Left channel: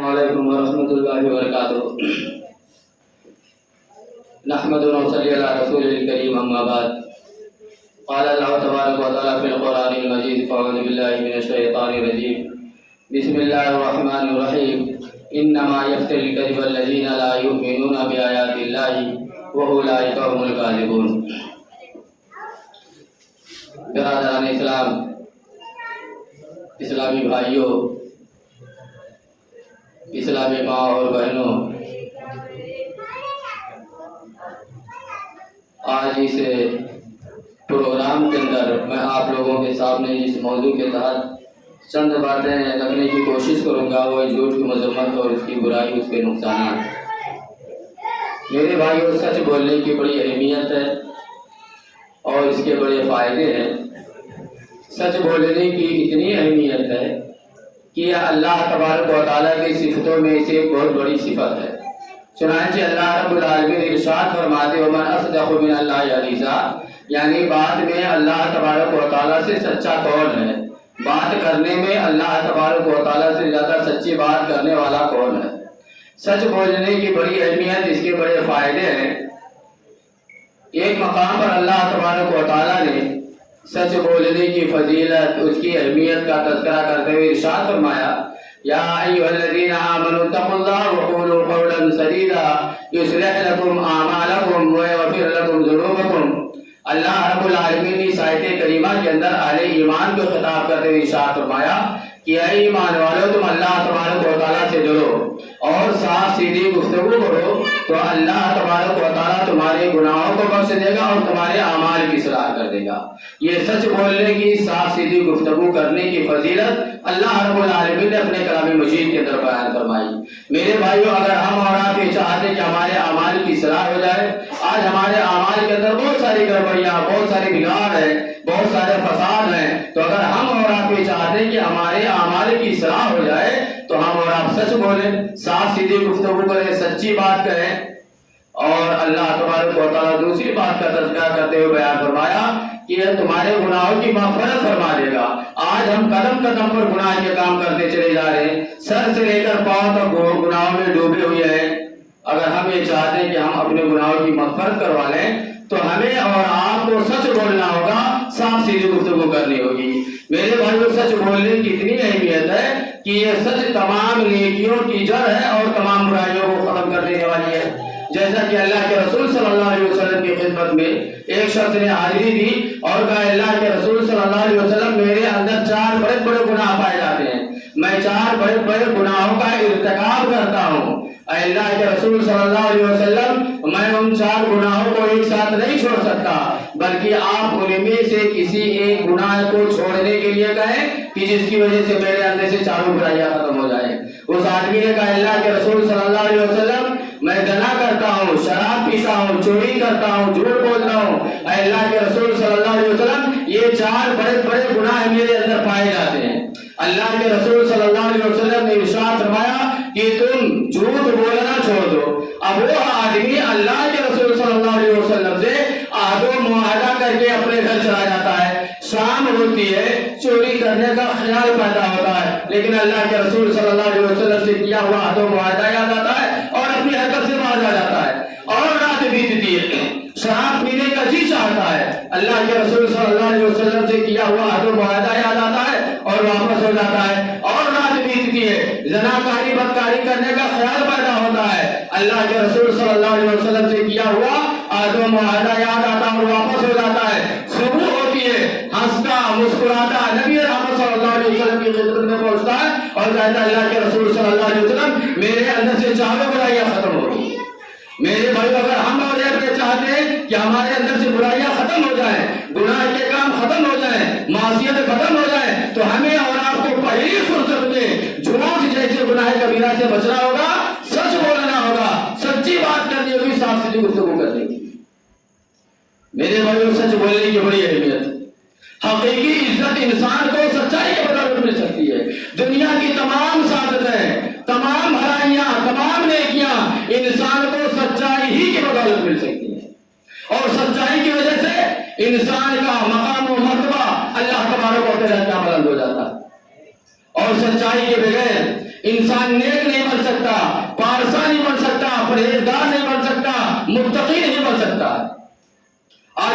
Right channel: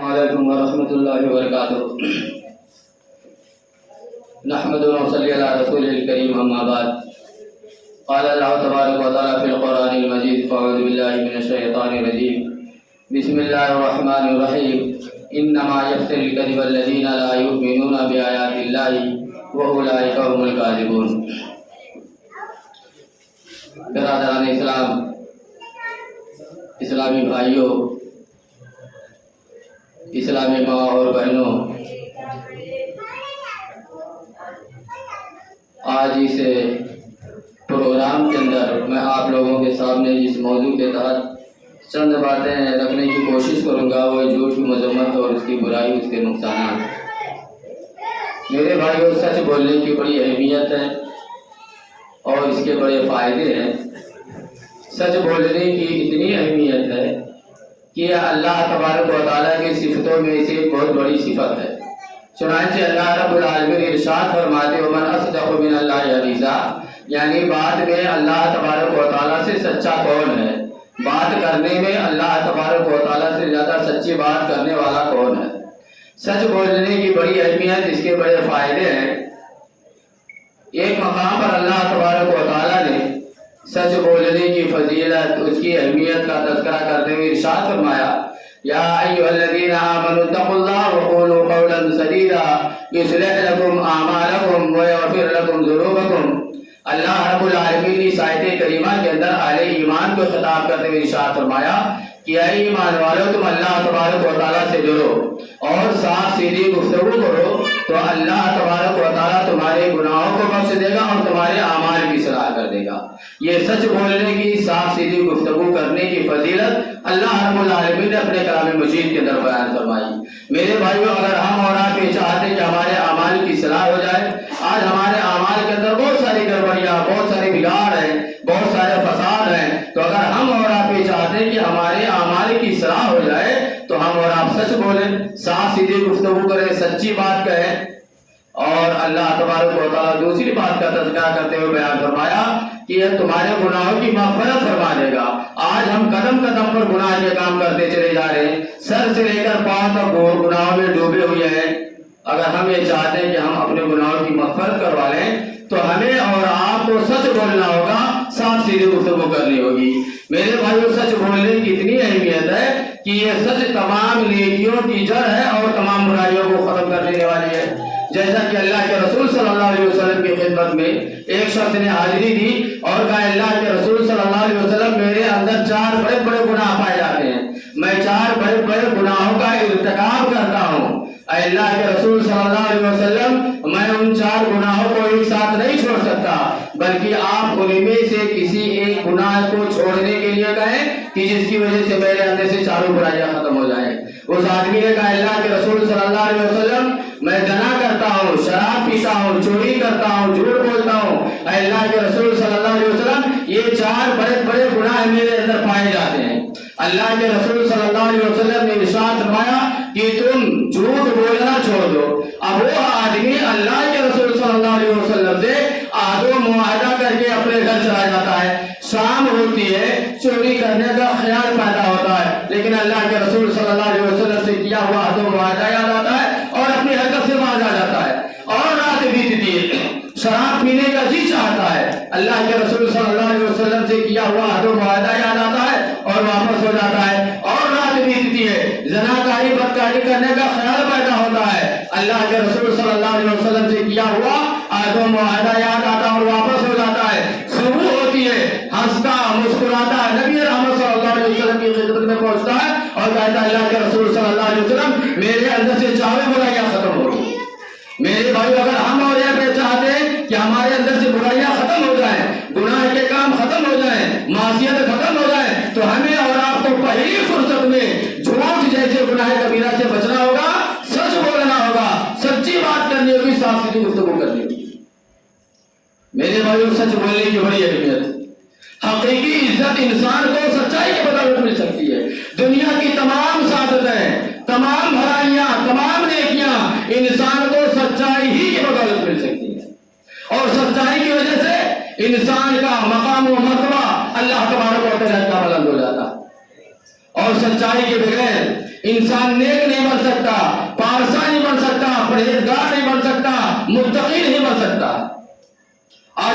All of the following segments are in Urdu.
علیکم ورحمۃ اللہ وبرکاتہ۔ نحمد و نصلی علی رسول الکریم، اما بعد۔ قال اللہ تبارک و تعالی فی القرآن المجید، فاعوذ باللہ من الشیطان الرجیم، بسم اللہ الرحمن الرحیم۔ انما یفتری الکذب الذین لا یؤمنون بآیات اللہ واولئک هم الکاذبون۔ برادران اسلام، اسلامی بھائیوں، اسلامی ماں اور بہنوں، آج اس پروگرام کے اندر میں آپ لوگوں کے سامنے جس موضوع کے تحت چند باتیں رکھنے کی کوشش کروں گا وہ جھوٹ کی مذمت اور اس کی برائی، اس کے نقصانات۔ میرے بھائیوں، سچ بولنے کی بڑی اہمیت ہے اور اس کے بڑے فائدے ہیں۔ سچ بولنے کی اتنی اہمیت ہے کہ اللہ تبارک و تعالیٰ کی صفتوں میں سے ایک بہت بڑی صفت ہے۔ چنانچہ اللہ رب العالمین ارشاد فرماتے ومن اصدق من اللہ حدیثا، یعنی بات میں اللہ تبارک و تعالیٰ سے سچا کون ہے؟ بات کرنے میں اللہ تبارک و تعالیٰ سے زیادہ سچی بات کرنے والا کون ہے؟ سچ بولنے کی بڑی اہمیت، اس کے بڑے فائدے ہیں۔ ایک مقام پر اللہ تبارک و تعالیٰ نے سچ بولنے کی فضیلت، اس کی اہمیت کا تذکرہ کرتے ہوئے ارشاد فرمایا یا ایھا الذین آمنوا اتقوا اللہ وقولوا قولا سدیدا یصلح لکم اعمالکم ویغفر لکم ذنوبکم۔ اللہ رب العالمین نے اس آیت کریمہ کے اندر اہل ایمان کو خطاب کرتے ہوئے ارشاد فرمایا کہ اے ایمان والو، تم اللہ تبارک و تعالیٰ سے ڈرو اور صاف سیدھی گفتگو کرو تو اللہ تبارک و تعالیٰ تمہارے گناہوں کو بخش دے گا اور تمہارے اعمال کی اصلاح کر دے گا۔ یہ سچ بولنے کی، صاف سیدھی گفتگو کرنے کی فضیلت اللہ رب العالمین نے اپنے کلام مجید کے اندر بیان فرمائی۔ میرے بھائیوں، اگر ہم اور آپ یہ چاہتے ہیں کہ ہمارے اعمال کی اصلاح ہو جائے، آج ہمارے اعمال کے اندر بہت ساری گڑبڑیاں، بہت ساری بگاڑ ہیں، بہت سارے فساد ہیں، تو اگر ہم اور آپ یہ چاہتے ہیں کہ ہمارے اعمال کی اصلاح ہو جائے تو ہم اور آپ سچ بولیں، صاف سیدھی گفتگو کریں، سچی بات کہیں۔ اور اللہ تبارک و تعالیٰ دوسری بات کا تذکرہ کرتے ہوئے بیان فرمایا کہ یہ تمہارے گناہوں کی مغفرت فرما دے گا۔ آج ہم قدم قدم پر گناہ کے کام کرتے چلے جا رہے ہیں، سر سے لے کر پاؤں تک گناہوں میں ڈوبے ہوئے ہیں۔ اگر ہم یہ چاہتے ہیں کہ ہم اپنے گناہوں کی مغفرت کروا لیں تو ہمیں اور آپ کو سچ بولنا ہوگا، صاف سیدھی گفتگو کرنی ہوگی۔ میرے بھائیوں، سچ بولنے کی اتنی اہمیت ہے کہ یہ سچ تمام نیکیوں کی جڑ ہے اور تمام برائیوں کو ختم کر دینے والی ہے۔ جیسا کہ اللہ کے رسول صلی اللہ علیہ وسلم کی خدمت میں ایک شخص نے حاضری دی اور کہا اللہ کے رسول صلی اللہ علیہ وسلم، میرے اندر 4 بڑے بڑے گناہ پائے جاتے ہیں، میں 4 بڑے بڑے گناہوں کا ارتکاب کرتا ہوں۔ اے اللہ کے رسول صلی اللہ علیہ وسلم، میں ان 4 گناہوں کو ایک ساتھ نہیں چھوڑ سکتا، بلکہ آپ ان میں سے کسی ایک گناہ کو چھوڑنے کے لیے کہیں کہ جس کی وجہ سے میرے اندر سے 4 برائیاں ختم ہو جائیں۔ اس آدمی نے کہا اللہ کے رسول صلی اللہ علیہ وسلم، میں زنا کرتا ہوں، شراب پیتا ہوں، چوری کرتا ہوں، جھوٹ بولتا ہوں۔ اے اللہ کے رسول صلی اللہ علیہ وسلم، یہ 4 بڑے بڑے گناہ میرے اندر پائے جاتے ہیں۔ اللہ کے رسول صلی اللہ علیہ وسلم نے ارشاد فرمایا کہ تم جھوٹ بولنا چھوڑ دو۔ اب وہ آدمی اللہ کے رسول صلی اللہ علیہ وسلم سے عہد و معاہدہ کر کے اپنے گھر چلا جاتا ہے، شام ہوتی ہے، چوری کرنے کا خیال پیدا ہوتا ہے، لیکن اللہ کے رسول صلی اللہ علیہ وسلم سے کیا ہوا عہد و معاہدہ یاد آتا ہے اور اپنی حرکت سے باز آ جاتا ہے، اور رات بیتتی ہے، شراب پینے کا جی چاہتا ہے، اللہ کے رسول صلی اللہ علیہ وسلم سے کیا ہوا عہد و معاہدہ یاد آتا ہے اور واپس ہو جاتا ہے، اور رات بیتتی ہے، زناکاری بدکاری کرنے کا خیال پیدا ہوتا ہے، اللہ کے رسول صلی اللہ علیہ وسلم سے کیا ہوا عہد و معاہدہ یاد آتا اور واپس ہو جاتا ہے، صبح ہوتی ہے، ہنستا مسکراتا نبی رحمت صلی اللہ علیہ وسلم کی خدمت میں پہنچتا ہے اور کہتا ہے اللہ کے رسول صلی اللہ علیہ وسلم، میرے اندر سے 4 برائیاں ختم ہو گئی۔ میرے بھائی، اگر ہم اور یہ چاہتے ہیں کہ ہمارے اندر سے برائیاں ختم ہو جائیں، گناہ کے کام ختم ہو جائیں، معصیت ختم ہو جائیں، تو ہمیں اور آپ کو پہلی فرصت میں جھوٹ جیسے گناہ کبیرہ سے بچنا ہوگا، سچ بولنا ہوگا، سچی بات کرنی ہوگی، صاف سیدھی گفتگو کرنی ہوگی۔ میرے بھائی، سچ بولنے کی بڑی اہمیت۔ حقیقی عزت انسان کو سچائی کے بدولت مل سکتی ہے۔ دنیا کی تمام سعادتیں، تمام بھلائیاں، تمام نیکیاں انسان کو سچائی ہی کی بدولت مل سکتی ہیں، اور سچائی کی وجہ سے انسان کا مقام و مرتبہ اللہ تبارک و تعالیٰ کا بلند ہو جاتا ہے، اور سچائی کے بغیر انسان نیک نعمت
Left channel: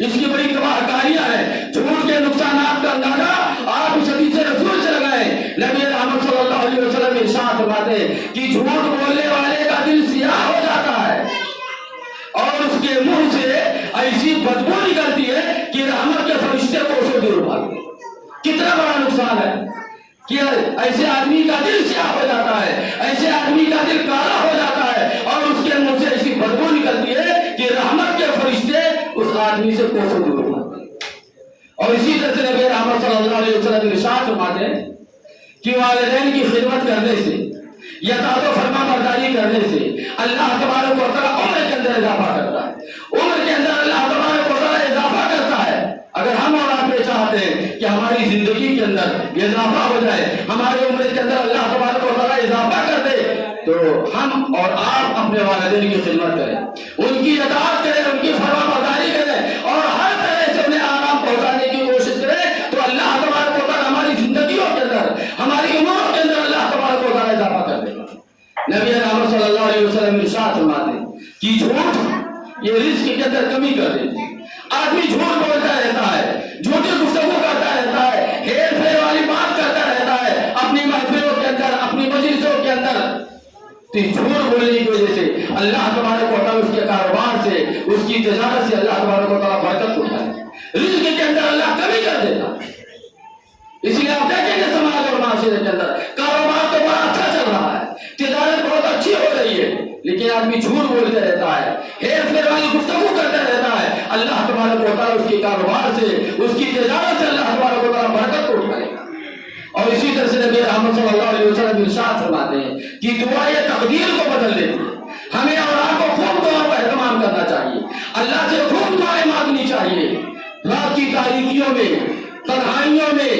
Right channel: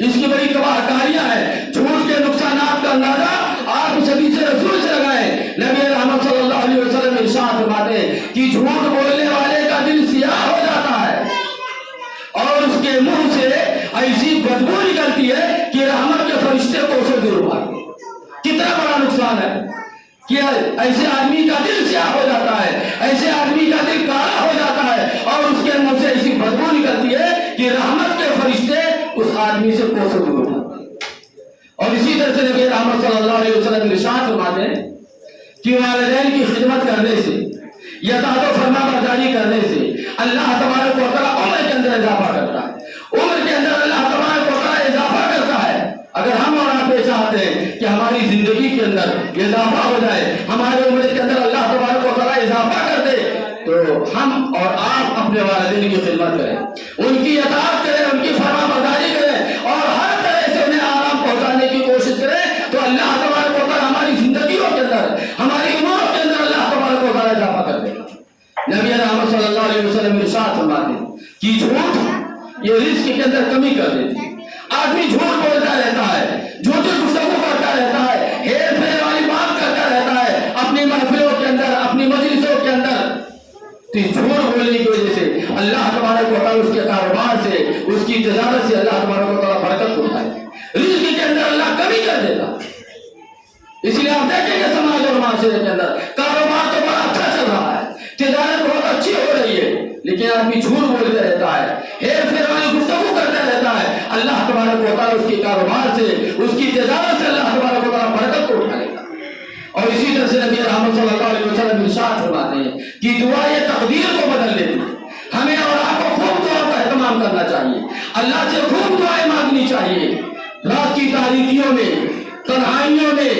اس کی بڑی تباہکاریاں ہیں. جھوٹ کے نقصانات کا اندازہ آپ اس حدیث رسول سے لگائیں. نبی رحمت صلی اللہ علیہ وسلم ارشاد فرماتے ہیں کہ جھوٹ بولنے والے کا دل سیاہ ہو جاتا ہے اور اس کے منہ سے ایسی بدبو نکلتی ہے کہ رحمت کے فرشتے کو اسے دور بھاگتے. کتنا بڑا نقصان ہے کہ ایسے آدمی کا دل سیاہ ہو جاتا ہے, ایسے آدمی کا دل کالا ہو جاتا ہے اور اس کے منہ سے ایسی بدبو نکلتی ہے کہ رحمت کے فرشتے اس آدمی سے کوسوں دور بھاگتے. اور اسی طرح سے نبی رحمت صلی اللہ علیہ وسلم ارشاد فرماتے ہیں کہ والدین کی خدمت کرنے سے, اطاعت و فرما برداری کرنے سے اللہ تبارک و تعالیٰ عمر کے اندر اضافہ کرتا ہے. عمر کے اندر اللہ تبارک و تعالیٰ اضافہ کرتا ہے. اگر ہم اور آپ یہ چاہتے ہیں کہ ہماری زندگی کے اندر اضافہ ہو جائے, ہمارے عمر کے اندر اللہ تبارک و تعالیٰ اضافہ کر دے, تو ہم اور آپ اپنے والدین کی خدمت کریں, ان کی اطاعت کریں, ان کی فرما برداری کریں اور ہر طرح سے انہیں آرام پہنچانے کی کوشش کریں. تو اللہ تبارک و تعالیٰ ہماری زندگیوں کے اندر, ہماری عمروں کے اندر اللہ تبارک و تعالیٰ اضافہ کر دے گا. نبی رحمت صلی اللہ علیہ وسلم ارشاد فرماتے ہیں کہ جھوٹ یہ رزق کے اندر کمی کر دیتی ہے. آدمی جھوٹ بولتا رہتا ہے, جھوٹی گفتگو کرتا رہتا ہے, ہیر پھیر والی بات کرتا رہتا ہے اپنی محفلوں کے اندر, اپنی مجلسوں کے اندر. تو جھوٹ بولنے کی وجہ سے اللہ تبارک و تعالیٰ اس کے کاروبار سے, اس کی تجارت سے اللہ تبارک و تعالیٰ برکت ہوتا ہے, رزق کے اندر اللہ کمی کر دیتا. اس لیے آپ دیکھیں گے سماج اور معاشرے کے اندر کاروبار تو بڑا اچھا چل رہا ہے, تجارت بہت اچھی ہو رہی ہے, لیکن آدمی جھوٹ بولتا رہتا ہے, ہیر پھیر والی گفتگو کرتا رہتا ہے. اللہ تبارک و تعالیٰ اس کے کاروبار سے, اس کی تجارت سے اللہ تبارک و تعالیٰ برکت کو اٹھائے گا. اور اسی طرح سے نبی رحمت صلی اللہ علیہ وسلم ارشاد فرماتے ہیں کہ دعا یہ تقدیر کو بدل دیتی ہے. ہمیں اور آپ کو خوب دعا کا اہتمام کرنا چاہیے, اللہ سے خوب دعائیں مانگنی چاہیے. رات کی تاریکیوں میں, تنہائیوں میں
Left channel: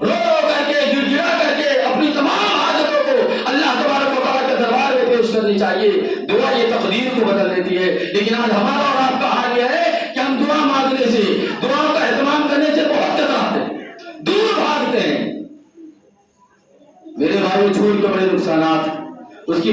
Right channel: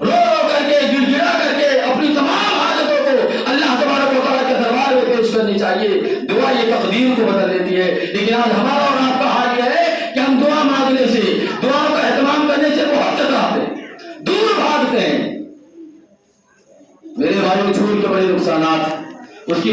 رو رو کر کے, گڑ گڑا کر کے اپنی تمام حاجتوں کو اللہ تبارک و تعالیٰ کے دربار میں پیش کرنی چاہیے. دعا یہ تقدیر کو بدل دیتی ہے. لیکن آج ہمارا